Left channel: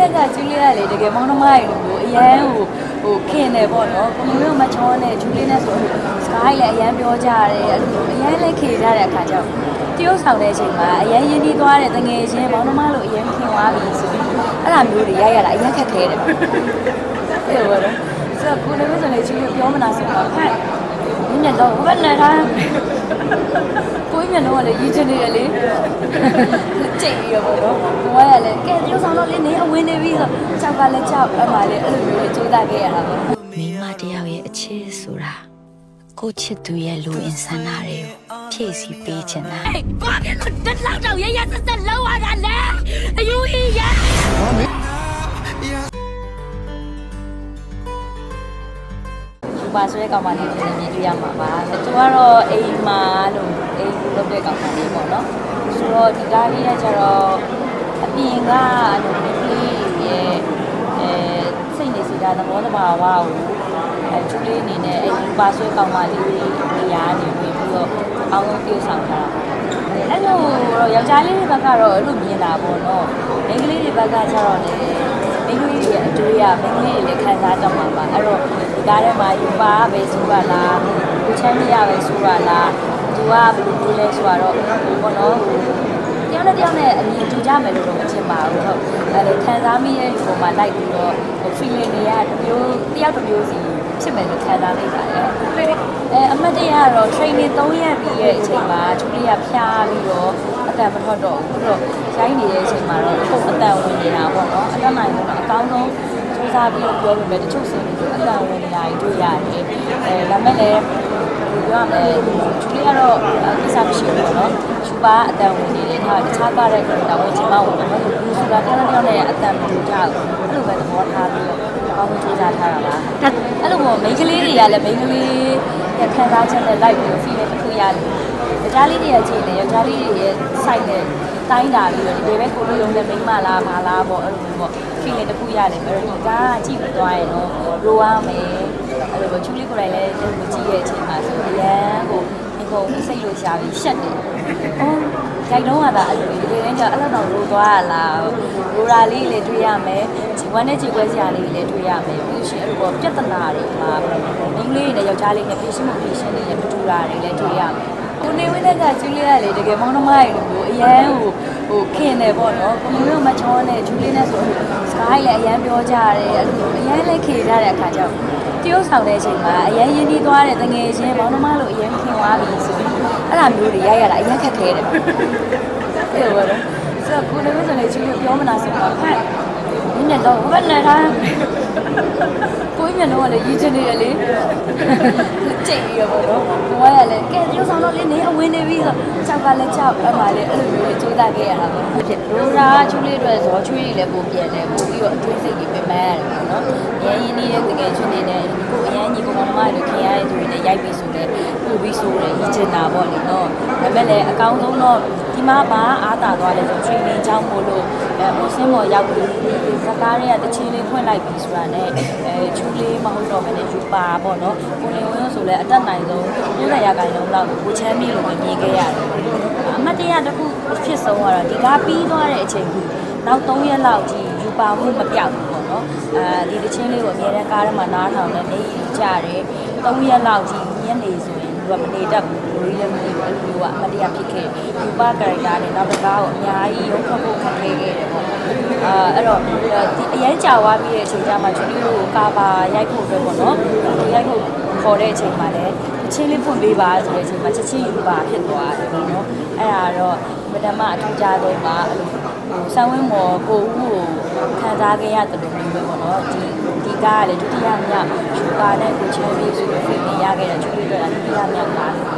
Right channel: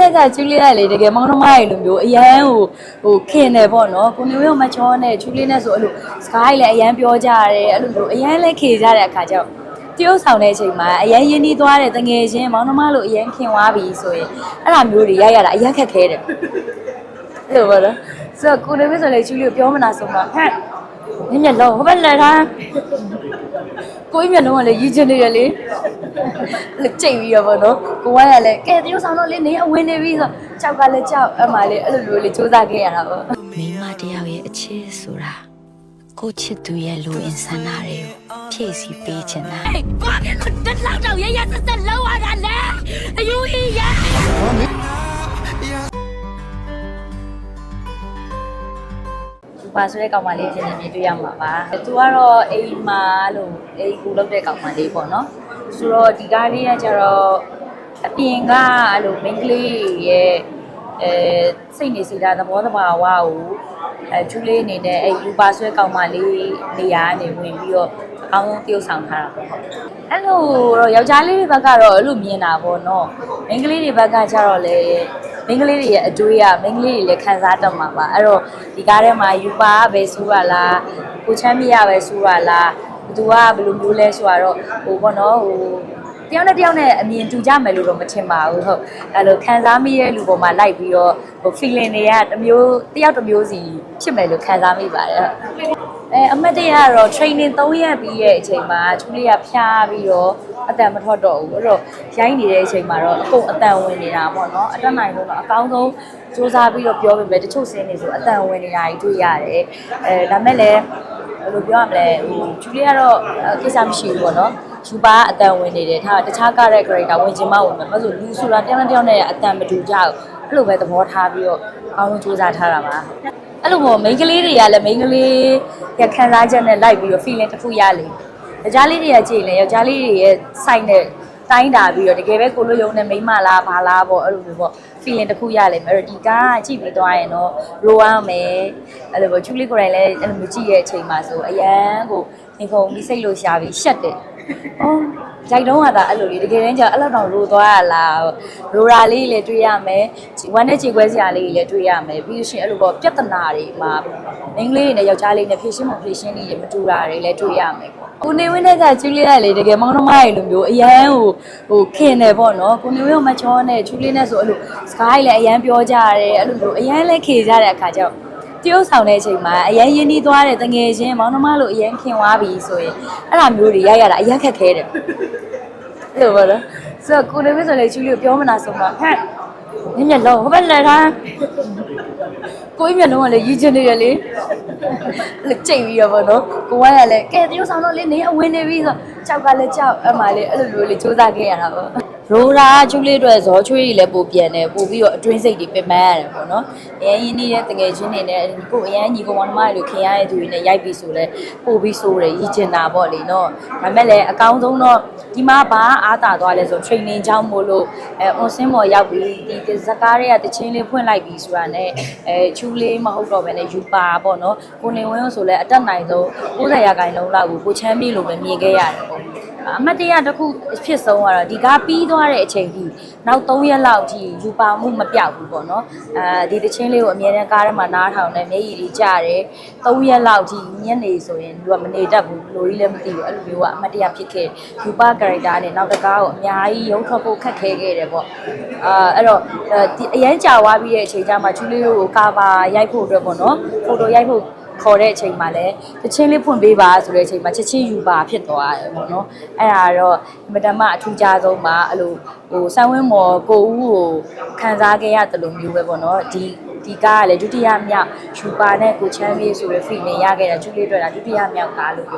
နဲ့ကကျူလီကလေတကယ်မောင်နှမရေလိုမျိုးအရန်ဟိုဟိုခင်တယ်ပေါ့နော်ကိုမျိုးရောမချောနဲ့ကျူလီနဲ့ဆိုအဲ့လိုစကားကြီးလည်းအရန်ပြောကြရတယ်အဲ့လိုမျိုးအရန်လည်းခေကြတဲ့အခါကျတော့တရုတ်ဆောင်တဲ့အချိန်မှာအရန်ရင်းနှီးသွားတဲ့တငယ်ချင်းမောင်နှမလိုအရန်ခင်သွားပြီဆိုရင်အဲ့လိုမျိုးတွေရိုက်ရတာအရန်ခက်ခဲတယ်အဲ့လိုပေါ့နော်ဆိုတော့ကိုနေမဆိုလေကျူလီကိုပြောမနာဆိုတော့ဟဲ့ညညလုံးဘယ်နဲ့လား ကိုကြီးမျက်လုံးကလည်းရည်ချင်နေရလေကြိတ်ပြီးတော့ဗောနော်ကိုကရလည်းကဲတရုတ်ဆောင်တော့လေနေအဝင်နေပြီဆိုကြောက်ကလည်းကြောက်အဲ့ပါလေအဲ့လိုမျိုးလေးစူးစမ်းခဲ့ရတာပေါ့မိန်းမတယောက်ရဲ့အချစ်ဆိုတာကိုချစ်သူရဲ့လူအင်ဆန္ဒတွေကိုဖြည့်ဆည်းပေးချင်တာ Hey, fuck it, look, this loud out, yeah, yeah, this is low on that leg. Are you here, yeah? ဒီ ပါဆိုတဲ့ကောင်မလေးဖြစ်နေမြင်တွေ့ရမှာပါသူကတော့အိမ်မှာလို့အိမ်ကူလုပ်တဲ့ကောင်မလေးပေါ့နော်ဆိုတော့ဒီကားလေးကကျတော့အပြင်ကအဲ့လိုမိန်းကလေးရဲ့အဲစိတ်နေစီတာသဘောတဘာဝကိုအဲကျူလေးအနေနဲ့အဲ့ဒီပါဆွဲကောင်မလေးနေရာကနေဝင်ပြီးတော့အောင်းဆုံးပြုတ်ဆောင်ထားတာပေါ့အဲ့လိုတော့ယောက်ျားလေးတွေဘက်ကတော့အဲ့လိုမြင်တာပေါ့နော်မိန်းကလေးတွေဘက်ကကျတော့လေမိန်းကလေးတွေရဲ့အတွေးကမိန်းကလေးတွေလည်းခံစားတတ်မှာပါအဲ့တော့ ဒီကားထဲမှာယူပါပဲဆိုပါလားကိုချမ်းပြရပဲဆိုပါလားသူကဘယ်လိုမျိုးလဲဆိုတော့ဟိုပေါ့နော်ဟိုတယောက်နဲ့တယောက်နဲ့အမြင်တူကြမယ်လို့တော့မထင်ပါဘူးဟုတ်အဲလိုခံစားမိရဲ့လူပေါ်မှာလိုက်ပြီးတော့ဟို feeling တွေကတစ်မျိုးတယောက်တစ်မျိုးစီဖြစ်မယ်လို့ခံစားမိပါတယ်အဲအမတ်တရကတော့ training 3ရက်ပြီးရဲ့အချိန်မှာချူလေးကဖျားပြီးတော့အတန်မထွက်တော့ဘူးအဲ့တော့ရိုင်းနေတဲ့အချိန်မှာတော့ကိုယ်အတန်ဝင်နေတာပေါ့နော်အတတ်နိုင်လို့တော့အကောင်းဆုံး စူးစမ်းပြီးတော့ပြောပြမယ်တချို့စင်းတွေဆိုအတန်ဝင်နေတာတွေတွေ့ရတယ်အဲဒါပေမဲ့လည်းဘယ်လိုပြောရမလဲချူလေးကတော့ကိစ္စမရှိဘူးပေါ့နော်ချူပါအတန်ဝင်နေတယ်ထားတခြားကတဲ့ character ဝင်ချင်မှဝင်မှာမဟုတ်ဘူးဆိုလာတယောက်နဲ့တယောက်နဲ့အတန်မတူကြဘူးအဲ့လိုပဲသဘောထားပြီးတော့အကောင်းဆုံးစူးစမ်းထားတာပါအဲ့လိုပေါ့မိန်းကလေးတွေကလည်းမိန်းကလေးရခံစားချက်နဲ့လိုက်ပြီးတော့ feeling တစ်ခုရလေယောက်ျားလေးတွေကကြည့်လေယောက်ျားလေးတွေရဲ့ site နဲ့ တိုင်းတာပြီးတော့တကယ်ပဲကိုလိုယုံတဲ့မိန်းမလားဘာလားပေါ့အဲ့လိုမျိုးပေါ့ feeling တစ်ခုရလေအဲ့တော့ဒီကားကြည့်ပြီးသွားရင်တော့ရိုးရမယ်အဲ့လိုပေါ့ချူလေးကိုယ်တိုင်လည်းအဲ့လိုမျိုးကြည့်ရဲ့အချိန်မှာဆိုအရန်ကိုဒီကုံကြီးစိတ်လို့ရှာပြီးရှက်တယ်။အော်ကြိုက်တော့ကသာအဲ့လိုလေးတကယ်တမ်းကျအဲ့လောက်တောင်ရိုးသွားရလားရိုးရာလေးလည်းတွေ့ရမယ်။ဝမ်းနဲ့ခြေခွဲစရာလေးလည်းတွေ့ရမယ်။ပြီးလို့ရှိရင်အဲ့လိုပေါ့ပြဿနာတွေမှာမိန်းကလေးနဲ့ယောက်ျားလေးနဲ့ဖြစ်ရှင်မဖြစ်ရှင်တွေရဲ့ပတူလာတွေလည်းတွေ့ရမယ်။ ကိုနေဝင်းနဲ့ကကျူလီကလေတကယ်မောင်နှမရေလိုမျိုးအရန်ဟိုဟိုခင်တယ်ပေါ့နော်ကိုမျိုးရောမချောနဲ့ကျူလီနဲ့ဆိုအဲ့လိုစကားကြီးလည်းအရန်ပြောကြရတယ်အဲ့လိုမျိုးအရန်လည်းခေကြတဲ့အခါကျတော့တရုတ်ဆောင်တဲ့အချိန်မှာအရန်ရင်းနှီးသွားတဲ့တငယ်ချင်းမောင်နှမလိုအရန်ခင်သွားပြီဆိုရင်အဲ့လိုမျိုးတွေရိုက်ရတာအရန်ခက်ခဲတယ်အဲ့လိုပေါ့နော်ဆိုတော့ကိုနေမဆိုလေကျူလီကိုပြောမနာဆိုတော့ဟဲ့ညညလုံးဘယ်နဲ့လားကို ကြီးမျက်လုံးကလည်းရည်ချင်နေရလေကြိတ်ပြီးတော့ဗောနော်ကိုကရလည်းကဲတရုတ်ဆောင်တော့လေနေအဝင်နေပြီဆိုကြောက်ကလည်းကြောက်အဲ့ပါလေအဲ့လိုမျိုးလေးစူးစမ်းခဲ့ရတာပေါ့ရိုးရာချူလေးတွေဇောချွေးကြီးလည်းပိုပြန်တယ်ပို့ပြီးတော့အတွင်းစိတ်တွေပင်ပန်းရတယ်ပေါ့နော်အရင်ရင်းနေတဲ့တကယ်ချင်းနေနဲ့ကိုအရင်ညီကောင်မတို့ခင်ရတဲ့သူတွေနဲ့ရိုက်ပြီးဆိုတော့ပို့ပြီးဆိုတယ်ရည်ချင်တာပေါ့လေနော်ဒါပေမဲ့လည်းအကောင်းဆုံးတော့ ဒီမှာဘာအားတာသွားလဲဆို training ကြောင်းမို့လို့အဲ on sim ပေါ်ရောက်ပြီးဒီစကားတွေကတချင်းလေးဖွင့်လိုက်ပြီးဆိုတာနဲ့အဲချူလေးမဟုတ်တော့ဘဲနဲ့ယူပါပေါ့နော်ကိုလင်ဝင်းဆိုလဲအတက်နိုင်ဆုံး90ရာခိုင်နှုန်းလောက်ကိုကိုချမ်းပြေလို့ပဲမြင်ခဲ့ရတယ်အမတ်တရတစ်ခုဖြစ်ဆုံးကတော့ဒီကားပြီးသွားတဲ့အချိန်ကြီးနောက်3ရက်လောက်ကြီးယူပါမှုမပြောက်ဘူးပေါ့နော်အဲဒီတချင်းလေးကိုအမြဲတမ်းကားထဲမှာနားထောင်နေမျက်ရည်ကြီးကြတယ်3ရက်လောက်ကြီးညနေဆိုရင်သူကမနေတတ်ဘူး လူကြီးလည်းမသိဘူးအဲ့လိုမျိုးကအမတ်တရဖြစ်ခဲ့ယူပါ character နဲ့နောက်တစ်ကားကိုအများကြီးရုံးထွက်ဖို့ခက်ခဲခဲ့တယ်ပေါ့အာအဲ့တော့အရန်ကြာသွားပြီးတဲ့အချိန်ကျမှချူလေးကိုကာပါရိုက်ဖို့အတွက်ပေါ့နော်ဖိုတိုရိုက်ဖို့ခေါ်တဲ့အချိန်မှာလည်းတချင်းလေးဖွင့်ပေးပါဆိုတဲ့အချိန်မှာချက်ချင်းယူပါဖြစ်သွားတယ်ပေါ့နော်အဲ့ဒါတော့မတမအထူးခြားဆုံးမှာအဲ့လိုဟိုဆောင်းဝင်းမော်ကိုဦးကိုခံစားခဲ့ရတယ်လို့မျိုးပဲပေါ့နော်ဒီဒီကားကလည်းဒုတိယမြောက်ယူပါနဲ့ကိုချမ်းပြေးဆိုတဲ့ feeling ရခဲ့တာချူလေးတွေ့တာဒုတိယမြောက်ကားလို့